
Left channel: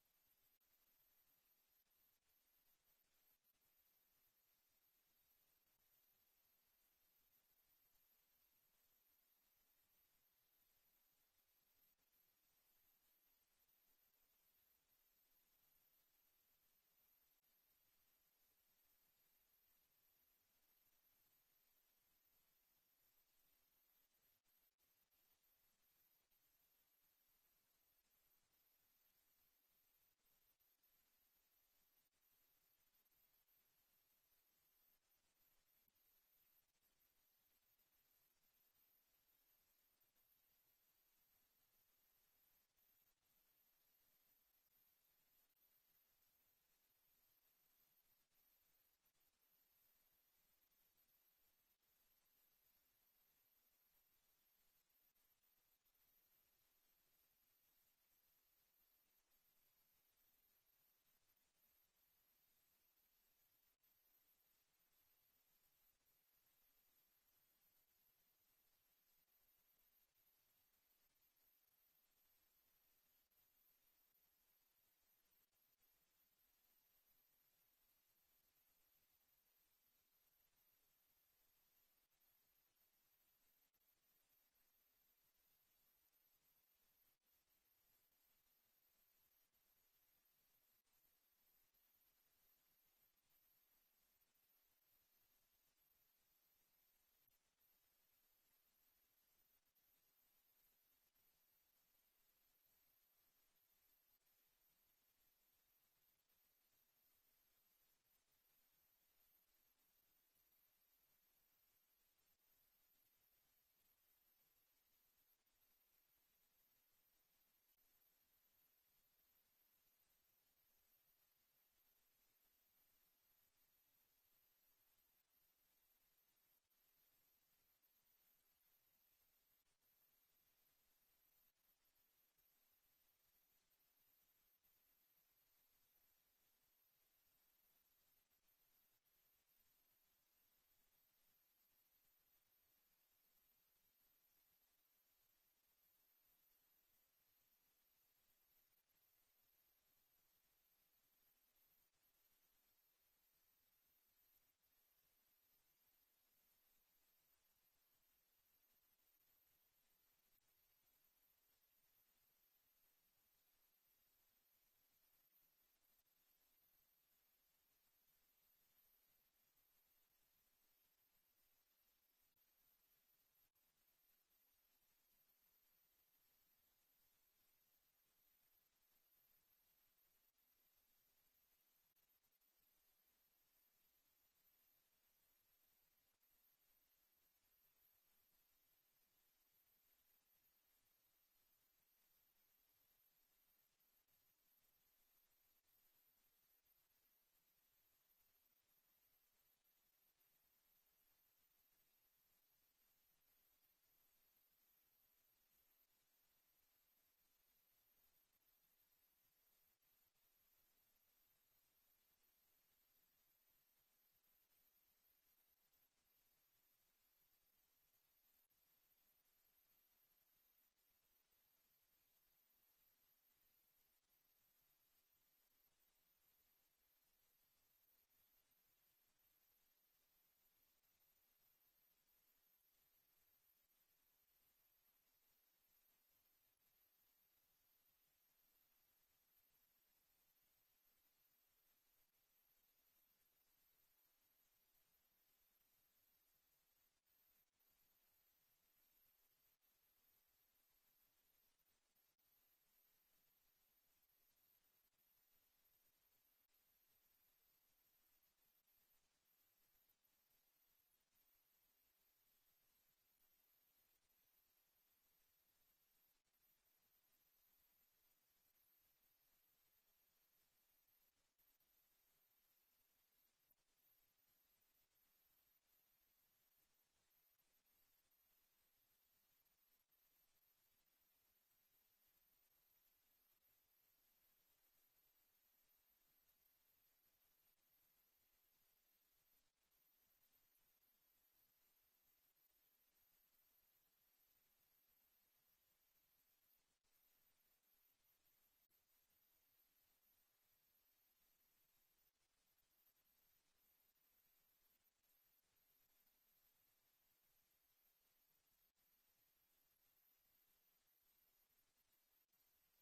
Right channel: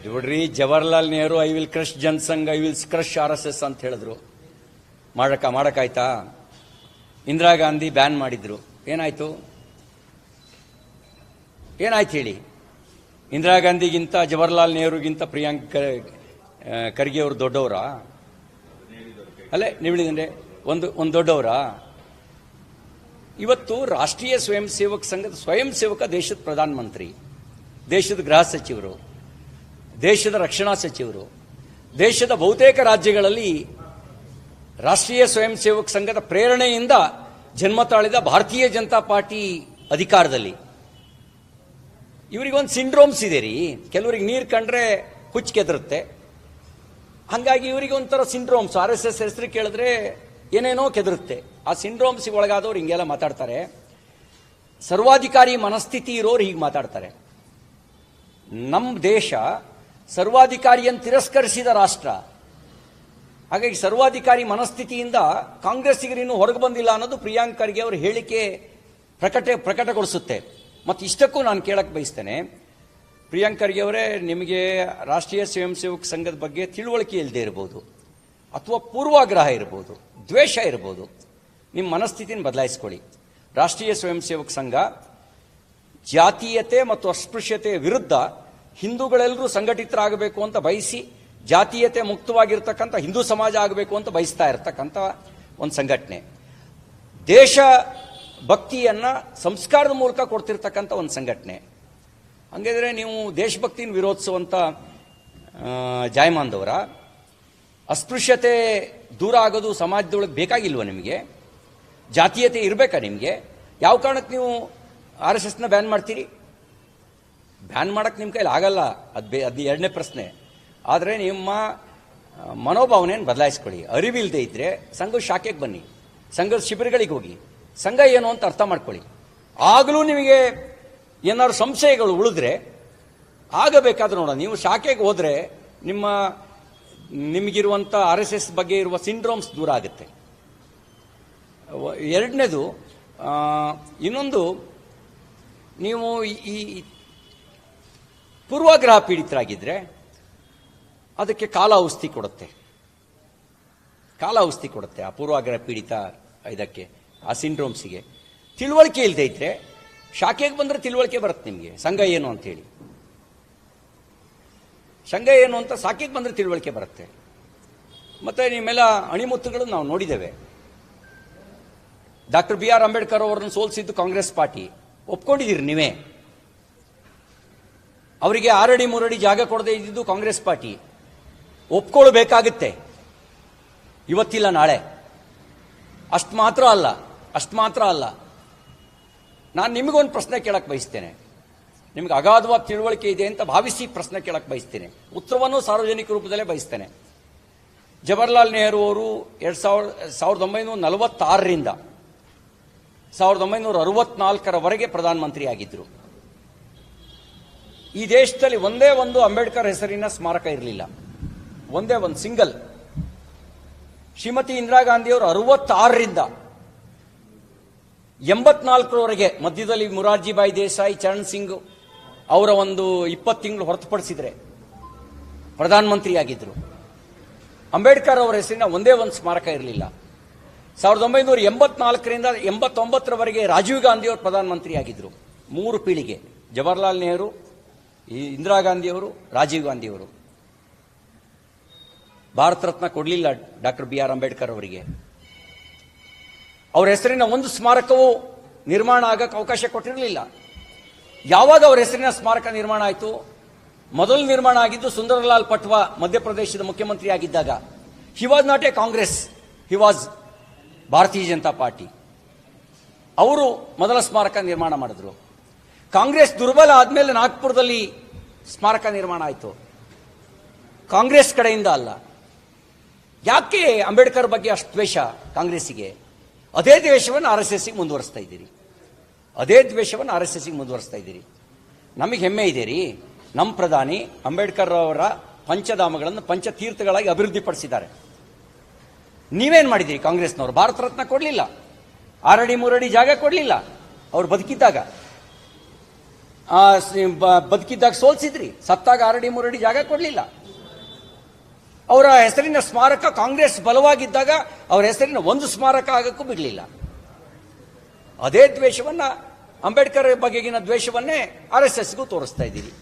ನೋಡ್ರಿ, Jawaharlal Nehru I will crush Jana Sangh I will crush R S S ಅಂತ ಹೇಳಿದ್ರು. ಮಾಡಕ ಮಾಡೋಕ್ಕಾಯ್ತಾ ಇಂದಿರಾ ಗಾಂಧಿ ಬ್ಯಾನ್ ಮಾಡಿದ್ರು. ಏನಾಯ್ತು? ಏನಾಯ್ತು ಹೇಳಿ? ಇಂದಿರಾ ಗಾಂಧಿಗಿಂತ ಜವಾಹರ್ಲಾಲ್ ನೆಹರುಗಿಂತ ಪ್ರಿಯಾಂಕ್ ಖರ್ಗೆ ಅವರು ದೊಡ್ಡವರಾ? ಅಲ್ಲೇ ನೀವು ಹೇಳಿದ್ರೆ ಒಂದು ಒಂದು ದೊಡ್ಡವರಾ? ಇವತ್ತು ರಾಷ್ಟ್ರೀಯ ಸ್ವಯಂ ಸೇವಕ ಸಂಘದ ಸ್ವಯಂ ಸೇವಕ ದೇಶದ ಪ್ರಧಾನಮಂತ್ರಿ, ದೇಶದ ಗೃಹ ಸಚಿವರು, ದೇಶದ ರಕ್ಷಣಾ ಸಚಿವರು, ದೇಶದ ಬಹುತೇಕ ರಾಜ್ಯಗಳಲ್ಲಿ ರಾಷ್ಟ್ರೀಯ ಸ್ವಯಂ ಸೇವಕ ಸಂಘದ ಪ್ರೇರಣೆಯಿಂದ ಜನ್ಮ ತಾಳಿದ ಭಾರತೀಯ ಜನತಾ ಪಾರ್ಟಿ ಅಧಿಕಾರದಲ್ಲಿ. ಇವರಿಗೊಂದು ಸಿಂಡ್ರೋಮ್ಸ್ ಇದೆ ರೀ. ಕೆಲವರಿಗೆ ನೀರು ಕಂಡ್ರೆ ಹುಚ್ಚು ಕೆದರುತ್ತೆ. ಹಂಗಾಗಿ ಇವರಿಗೆ ಒಂಥರ ಸಿಂಡ್ರೋಮ್ಸ್. ಆರ್ ಎಸ್ ಎಸ್ ಹೆಸರು ಕೇಳಿದ್ರೆ ಏನೇನೋ ಕೆದರುತ್ತೆ. ಆ ಸಿಂಡ್ರೋಮ್ಸ್ ಒಳಗಾದವ್ರು ಹಿಂಗೆಲ್ಲ ಮಾತಾಡ್ತಾರೆ. ಸರ್ವಾಧಿಕಾರಿ ಮನಸ್ಥಿತಿ ಇರೋರು ಹೀಗೆ ಮಾತಾಡ್ತಾರೆ. ನಮ್ಮ ದೇಶ ಸರ್ವಾಧಿಕಾರಿಯನ್ನು ತಿರಸ್ಕರಿಸಿದ ರಾಷ್ಟ್ರ. ಹಾಗಾಗಿ ಸರ್ವಾಧಿಕಾರಿ ಮನಸ್ಥಿತಿಯಿಂದ ಕಾಂಗ್ರೆಸ್ಸಿಗರು ಇನ್ನೂ ಹೊರಗೆ ಬಂದಿಲ್ಲ ಅನ್ನೋದು ಪ್ರಿಯಾಂಕ್ ಖರ್ಗೆ ಅವರ ಹೇಳಿಕೆ ಪ್ರಕಟ, ಪ್ರಕಟಗೊಳಿಸುತ್ತೆ. ಮತ್ತು ಇಷ್ಟಕ್ಕೂ ನಾನು ಕೇಳಕ್ಕೆ ಬಯಸ್ತೇನೆ. ಪ್ರಿಯಾಂಕ್ ಖರ್ಗೆ ಅವರೇ, ನಿಮಗೆ ರಾಷ್ಟ್ರೀಯ ಸ್ವಯಂ ಸೇವಕ ಸಂಘದ ಬಗ್ಗೆ ತಿಳುವಳಿಕೆ ಇಲ್ಲದೆ ಇರ್ಬೋದು. ಅಥವಾ ಪೂರ್ವಾಗ್ರಹ ಇರ್ಬೋದು. ದ್ವೇಷ ಇರ್ಬೋದು. ನಿಮ್ಮ ಮನಸ್ಥಿತಿನ ಬದಲಾಯಿಸ್ಕೊಳ್ಳಿ. ರಾಷ್ಟ್ರೀಯ ಸ್ವಯಂ ಸೇವಕ ಸಂಘ ಜಾತೀಯತೆ ಮತ್ತು ಅಸ್ಪೃಶ್ಯತೆಯ ವಿರುದ್ಧ ಹಿಂದೂಗಳೆಲ್ಲರೂ ಸಂಘಟಿತರಾಗಬೇಕು ಅಂತ ಬಯಸಿ, ಜಾತೀಯತೆ ಮುಕ್ತವಾಗಿರ್ತಕ್ಕಂಥ ಹಿಂದೂ ಸಮಾಜ ಆಗಬೇಕು ಅಂತ ಬಯಸ್ತಾ ಇರತಕ್ಕಂಥ ಒಂದು ಸಂಘಟನೆ. ದೇಶ ಭಕ್ತಿಯನ್ನು ಸಂಸ್ಕಾರದ ಮೂಲಕ ಕೊಡ್ತಿರ್ತಕ್ಕಂಥ ಒಂದು ಸಂಘಟನೆ. ಹಂಗಿದ್ರೆ ನೀವು ದೇಶಭಕ್ತಿನ ವಿರೋಧಿಸುವಂಥ ಜಾಯಮಾನ್ದವರ ಅಸ್ಪೃಶ್ಯತೆ ದೂರ ಆಗೋದು ಸಮಾಜದೊಳಗೆ ಬೇಕಾಗಿಲ್ವ ನಿಮಗೆ? ಜಾತೀಯತೆ ಇರಬೇಕಾ ನಿಮಗೆ? ಯಾವ ಕಾರಣಕ್ಕೆ ನೀವು ಆರ್ ಎಸ್ ಎಸ್ನ ಬ್ಯಾನ್ ಮಾಡ್ತೀರಿ? ಬ್ಯಾನ್ ಮಾಡೋಕ್ಕೆ ನಿಮ್ಮ ಕೈಲಿ ಆಗಲ್ಲ. ಅದು ಬೇ ಅದು ಎರಡನೇ ಪ್ರಶ್ನೆ. ಆದರೆ ನಿಮ್ಮ ಮನೋಭಾವನೆಯನ್ನು ಬದಲಾಯಿಸ್ಕೊಳ್ಳಿ. ಅರಿವಿಲ್ಲದೆ ಇದ್ದರೆ ಸಂಘದ ಶಾಖೆಗೆ ಬನ್ನಿ. ಸಂಘದ ಶಿಬಿರಗಳಿಗೆ ಹೋಗಿ. ಸಂಘ ಏನು ಅಂತ ಅರ್ಥ ಮಾಡ್ಕೊಳ್ಳಿ. ಆಗಲೂ ನಿಮಗೆ ಏನಾದ್ರು ಸಂಶಯಗಳು ಉಳಿದ್ರೆ, ಆಗಬೇಕಾದ್ರೆ ನೋಡೋಣ. ನೀವು ಶಾಖೆಗೆ ಹೋದರೆ ನಿಮ್ಮ ನಿಮಗಿರುವಂಥ ಆರ್ ಎಸ್ ಎಸ್ ಬಗ್ಗೆ ಇರುವ ಸಿಂಡ್ರೋಮ್ಸ್ ದೂರ ಆಗುತ್ತೆ. ಎರಡನೇದು ಇನ್ನೊಂದು, ನೀವು ಈ- ಪೂರ್ವಾಗ್ರಹ ಪೀಡಿತರಾಗಿದ್ದರೆ ಅದಕ್ಕೆ ಕಾಲ ಔಷಧಿ ಕೊಡುತ್ತೆ. ಕಾಲ ಔಷಧಿ ಕೊಡುತ್ತೆ ಆ ಪೂರ್ವಾಗ್ರಹ ಪೀಡಿತ ಇದಕ್ಕೆ, ಆ ಸಿಂಡ್ರೋಮ್ಸಿಗೆ. ತಿಳುವಳಿಕೆ ಇಲ್ಲದೆ ಇದ್ದರೆ ಶಾಖೆಗೆ ಬಂದರೆ ತಿಳುವಳಿಕೆ ಬರುತ್ತೆ ನಿಮಗೆ, ಸಂಘ ಏನು ಅಂತ ಸಂಘ ಏನು ಅಂತ ಸಾಕಿಗೆ ಬಂದರೆ ತಿಳುವಳಿಕೆ ಬರುತ್ತೆ. ಮತ್ತೆ ನಿಮ್ಮೆಲ್ಲ ಅಣಿಮುತ್ತುಗಳನ್ನು ನಾವು ನೋಡಿದ್ದೇವೆ. Doctor B. ಆರ್. ಅಂಬೇಡ್ಕರ್ ಅವರನ್ನು ಸೋಲಿಸಿದ್ದು ಕಾಂಗ್ರೆಸ್ ಪಾರ್ಟಿ. ಒಪ್ಕೊಂಡಿದ್ದೀರಿ ನೀವೇ? ಅವರಿಗೆ ಆರಡಿ ಮೂರಡಿ ಜಾಗ ಕೊಡದೆ ಇದ್ದಿದ್ದು ಕಾಂಗ್ರೆಸ್ ಪಾರ್ಟಿ. ಒಪ್ಕೊಳ್ಬೇಕಾಗುತ್ತೆ. ಇವತ್ತಿಲ್ಲ ನಾಳೆ. ಅಷ್ಟು ಮಾತ್ರ ಅಲ್ಲ, ಅಷ್ಟು ಮಾತ್ರ ಅಲ್ಲ. ನಾನು ನಿಮಗೊಂದು ಪ್ರಶ್ನೆ ಕೇಳಕ್ಕೆ ಬಯಸ್ತೇನೆ. ನಿಮ್ಗೆ ಅಗಾಧವಾದ ತಿಳುವಳಿಕೆ ಇದೆ ಅಂತ ಭಾವಿಸಿ ಪ್ರಶ್ನೆ ಕೇಳಕ್ಕೆ ಬಯಸ್ತೇನೆ. ಉತ್ತರವನ್ನು ಸಾರ್ವಜನಿಕ ರೂಪದಲ್ಲೇ ಬಯಸ್ತೇನೆ. ಜವಾಹರ್ಲಾಲ್ ನೆಹರು ಅವರು ಎರಡು ಸಾವಿರ, ಸಾವಿರದ ಒಂಬೈನೂರ ನಲವತ್ತಾರರಿಂದ ಸಾವಿರದ ಒಂಬೈನೂರ ಅರವತ್ನಾಲ್ಕರವರೆಗೆ ಪ್ರಧಾನಮಂತ್ರಿ ಆಗಿದ್ದರು ಈ ದೇಶದಲ್ಲಿ ಒಂದೇ ಒಂದು ಅಂಬೇಡ್ಕರ್ ಹೆಸರಿನ ಸ್ಮಾರಕ ಇರಲಿಲ್ಲ. ಒಂದೇ ಒಂದು ಸಿಂಗಲ್. ಶ್ರೀಮತಿ ಇಂದಿರಾ ಗಾಂಧಿಯವರು ಅರವತ್ತಾರರಿಂದ ಎಂಬತ್ನಾಲ್ಕರವರೆಗೆ ಮಧ್ಯದಲ್ಲಿ ಮುರಾರ್ಜಿಬಾಯಿ ದೇಸಾಯಿ, ಚರಣ್ ಸಿಂಗ್ ಅವರ ಒಂದು ಇಪ್ಪತ್ತು ತಿಂಗಳು ಹೊರತುಪಡಿಸಿದರೆ ಪ್ರಧಾನಮಂತ್ರಿಯಾಗಿದ್ದರು ಅಂಬೇಡ್ಕರ್ ಅವರ ಹೆಸರಿನ ಒಂದೇ ಒಂದು ಸ್ಮಾರಕ ಇರಲಿಲ್ಲ. ಸಾವಿರದ ಒಂಬೈನೂರ ಎಂಬತ್ನಾಲ್ಕರಿಂದ ಎಂಬತ್ತೊಂಬತ್ತರವರೆಗೆ ರಾಜೀವ್ ಗಾಂಧಿ ಅವರು ಪ್ರಧಾನಮಂತ್ರಿಯಾಗಿದ್ದರು ಮೂರು ಪೀಳಿಗೆ. ಜವಾಹರ್ಲಾಲ್ ನೆಹರು ಇಂದಿರಾ ಗಾಂಧಿಯವರು ರಾಜೀವ್ ಗಾಂಧಿಯವರು ಭಾರತ ರತ್ನ ಕೊಡಲಿಲ್ಲ ಡಾಕ್ಟರ್ ಬಿ ಆರ್ ಅಂಬೇಡ್ಕರ್ ಅವರಿಗೆ. ಅವರ ಹೆಸರಿನ ಒಂದು ಸ್ಮಾರಕವು ನಿರ್ಮಾಣ ಆಗಕ್ಕೆ ಅವಕಾಶ ಕೊಟ್ಟಿರಲಿಲ್ಲ. ಯಾವಾಗ ಅವರ ಹೆಸರಿನ ಸ್ಮಾರಕ ನಿರ್ಮಾಣ ಆಯಿತು? ಮೊದಲು ನಿರ್ಮಾಣ ಆಗಿದ್ದು ಸುಂದರಲಾಲ್ ಪಟ್ವಾ ಮಧ್ಯಪ್ರದೇಶದ ಮುಖ್ಯಮಂತ್ರಿ ಆಗಿದ್ದಾಗ he was not a Congress he was Bharatiya Janata party. ಅವರು ಮೊದಲ ಸ್ಮಾರಕ ನಿರ್ಮಾಣ ಮಾಡಿದ್ರು. ಕಾಂಗ್ರೆಸ್ ದುರ್ಬಲ ಆದಮೇಲೆ ನಾಗ್ಪುರದಲ್ಲಿ ಸ್ಮಾರಕ ನಿರ್ಮಾಣ ಆಯಿತು. ಕಾಂಗ್ರೆಸ್ ಕಡೆಯಿಂದ ಅಲ್ಲ. ಯಾಕೆ ಅಂಬೇಡ್ಕರ್ ಬಗ್ಗೆ ಅಷ್ಟು ದ್ವೇಷ ಕಾಂಗ್ರೆಸ್ಸಿಗೆ? ಅದೇ ದ್ವೇಷವನ್ನು ಆರ್ ಎಸ್ ಎಸ್ಸಿಗೆ ಮುಂದುವರಿಸ್ತಾ ಇದ್ದೀರಿ. ಅದೇ ದ್ವೇಷವನ್ನು ಆರ್ ಎಸ್ ಎಸ್ಗೆ ಮುಂದುವರಿಸ್ತಾ ಇದ್ದೀರಿ. ನಮಗೆ ಹೆಮ್ಮೆ ಇದೆ ರೀ. ನಮ್ಮ ಪ್ರಧಾನಿ ಅಂಬೇಡ್ಕರ್ ಅವರ ಪಂಚಧಾಮಗಳನ್ನು ಪಂಚತೀರ್ಥಗಳಾಗಿ ಅಭಿವೃದ್ಧಿಪಡಿಸಿದ್ದಾರೆ. ನೀವೇನು ಮಾಡಿದ್ದೀರಿ ಕಾಂಗ್ರೆಸ್ನವರು? ಭಾರತ ರತ್ನ ಕೊಡಲಿಲ್ಲ. ಆರಡಿ ಮೂರಡಿ ಜಾಗ ಕೊಡಲಿಲ್ಲ. ಅವ್ರು ಬದುಕಿದ್ದಾಗ. ಬದುಕಿದ್ದಾಗ ಸೋಲ್ಸಿದ್ರಿ. ಸತ್ತಾಗ ಆರಡಿ ಮೂರಡಿ ಜಾಗ ಕೊಡಲಿಲ್ಲ. ಅವರ ಹೆಸರಿನ ಸ್ಮಾರಕ ಕಾಂಗ್ರೆಸ್ ಬಲವಾಗಿದ್ದಾಗ ಅವರ ಹೆಸರಿನ ಒಂದು ಸ್ಮಾರಕ ಆಗಕ್ಕೂ ಬಿಡಲಿಲ್ಲ. ಅದೇ ದ್ವೇಷವನ್ನು ಅಂಬೇಡ್ಕರ್ ಬಗೆಗಿನ ದ್ವೇಷವನ್ನೇ ಆರ್ ಎಸ್ ಎಸ್ಗೂ ತೋರಿಸ್ತಾ ಇದ್ದೀರಿ.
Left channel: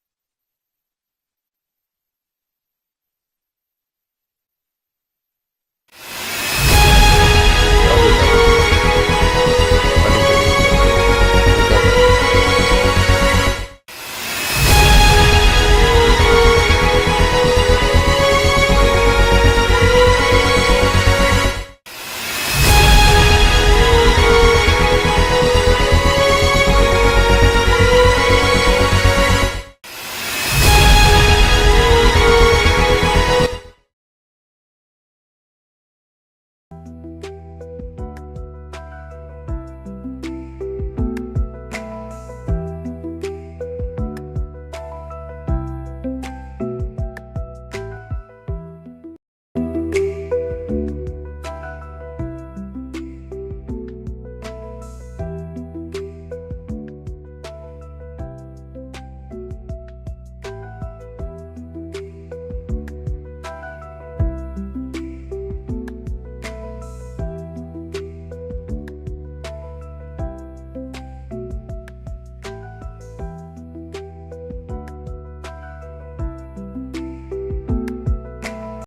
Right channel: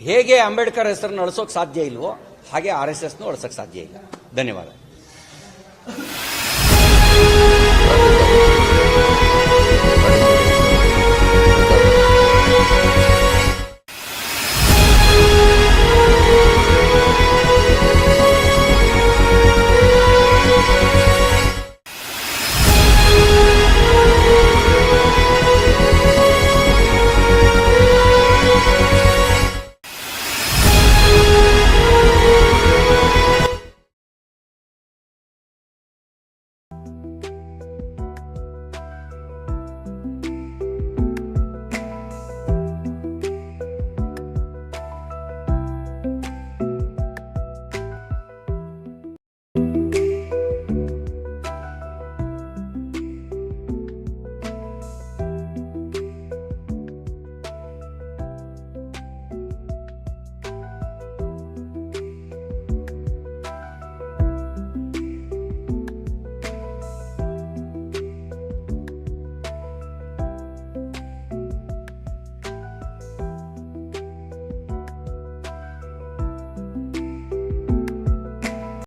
ಹೇಗೆ ಅಂಬೇಡ್ಕರ್ ಹೆಸರನ್ನು ಅಳಿಸೋಕೆ ಸಾಧ್ಯ ಇಲ್ವೋ ಹಾಗೆ ಆರ್ ಎಸ್ ಎಸ್ನೂ ಅಳಿಸೋಕೆ ಸಾಧ್ಯ ಇಲ್ಲ. ಧನ್ಯವಾದ.